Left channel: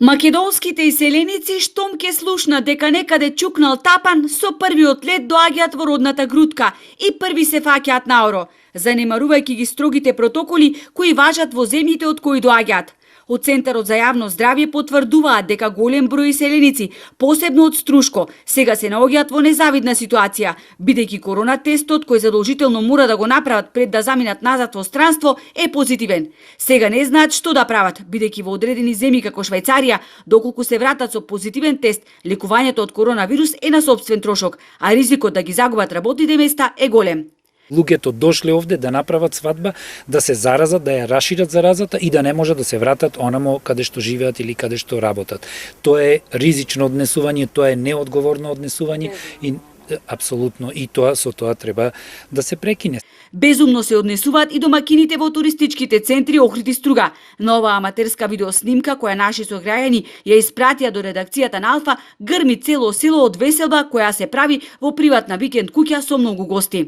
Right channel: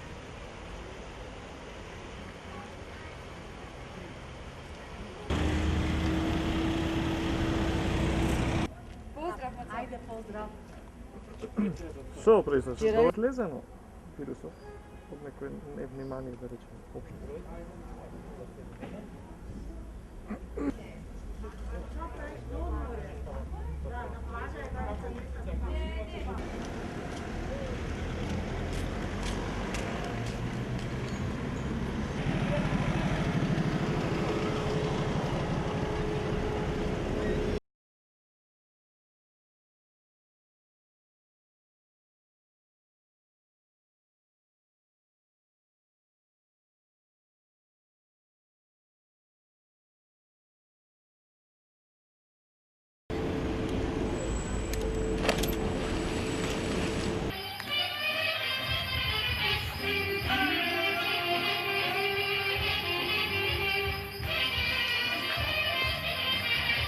Македонските иселеници штом ке слушнат дека некаде чукнал тапан, со првиот лет доаѓаат во родната грудка и први се фаќаат наоро, занемарувајќи ги строгите протоколи кои важат во земјите од кои доаѓаат. Од Центарот за јавно здравје потврдуваат дека голем број иселеници, посебно од Струшко, сега се наоѓаат во незавидна ситуација, бидејќи корона тестот кој задолжително мора да го направат пред да заминат назад во странство е позитивен. Сега не знаат што да прават, бидејќи во одредени земји како Швајцарија, доколку се вратат со позитивен тест, лекувањето од коронавирус е на сопствен трошок, а ризикот да ги загубат работните места е голем. Луѓето дошле овде да направат свадба, да се заразат, да ја расшират заразата и да не може да се вратат онамо каде што живеат или каде што работат. Тоа е ризично однесување, тоа е неодговорно однесување и апсолутно и со тоа треба да се прекине. Безумно се однесуваат и домакините во туристичките центри Охрид и Струга. Нова аматерска видеоснимка која наши сограѓани ја испратија до редакцијата на Алфа грми цело село од веселба која се прави во приватна викенд куќа со многу гости.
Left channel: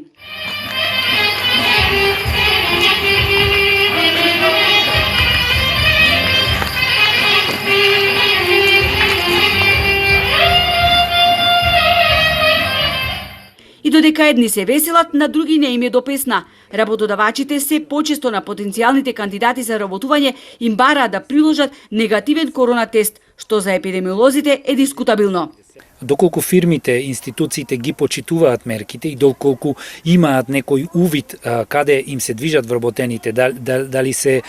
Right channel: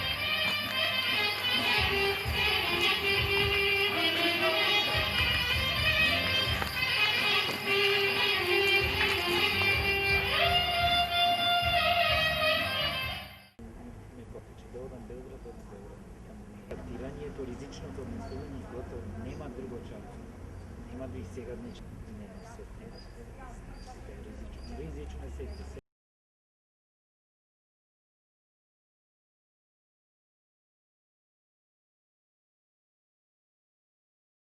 И додека едни се веселат, на други не им е до песна. Работодавачите се почесто на потенцијалните кандидати за работување им бараат да приложат негативен корона тест, што за епидемиолозите е дискутабилно. Доколку фирмите, институциите ги почитуваат мерките и доколку имаат некој увид каде им се движат вработените, дали се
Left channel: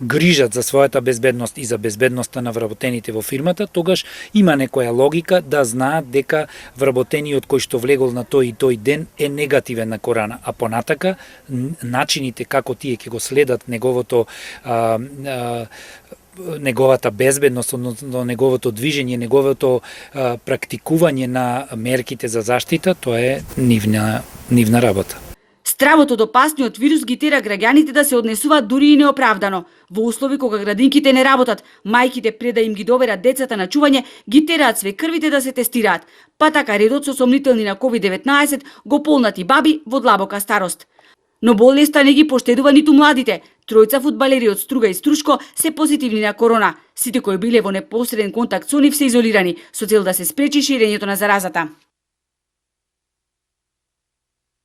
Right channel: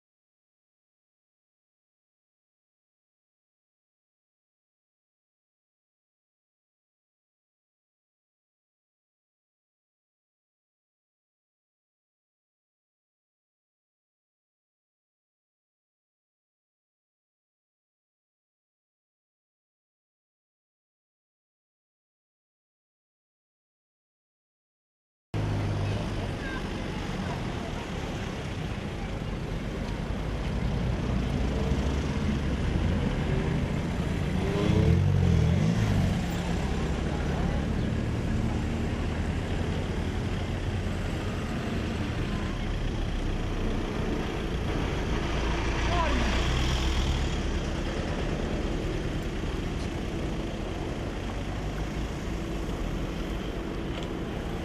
грижат за својата безбедност и за безбедноста на вработените во фирмата, тогаш има некоја логика да знаат дека вработениот кој што влегол на тој и тој ден е негативен на корона, а понатака начините како тие ќе го следат неговата безбедност, односно неговото движење, неговото практикување на мерките за заштита, тоа е нивна работа. Стравот од опасниот вирус ги тера граѓаните да се однесуваат дури и неоправдано. Во услови кога градинките не работат, мајките пред да им ги доверат децата на чување, ги тераат свекрвите да се тестираат. Па така редот со сомнителни на COVID-19 го полнати баби во длабока старост. Но болеста не ги поштедува ниту младите. Тројца фудбалери од Струга и Струшко се позитивни на корона. Сите кои биле во непосреден контакт со нив се изолирани, со цел да се спречи ширењето на заразата.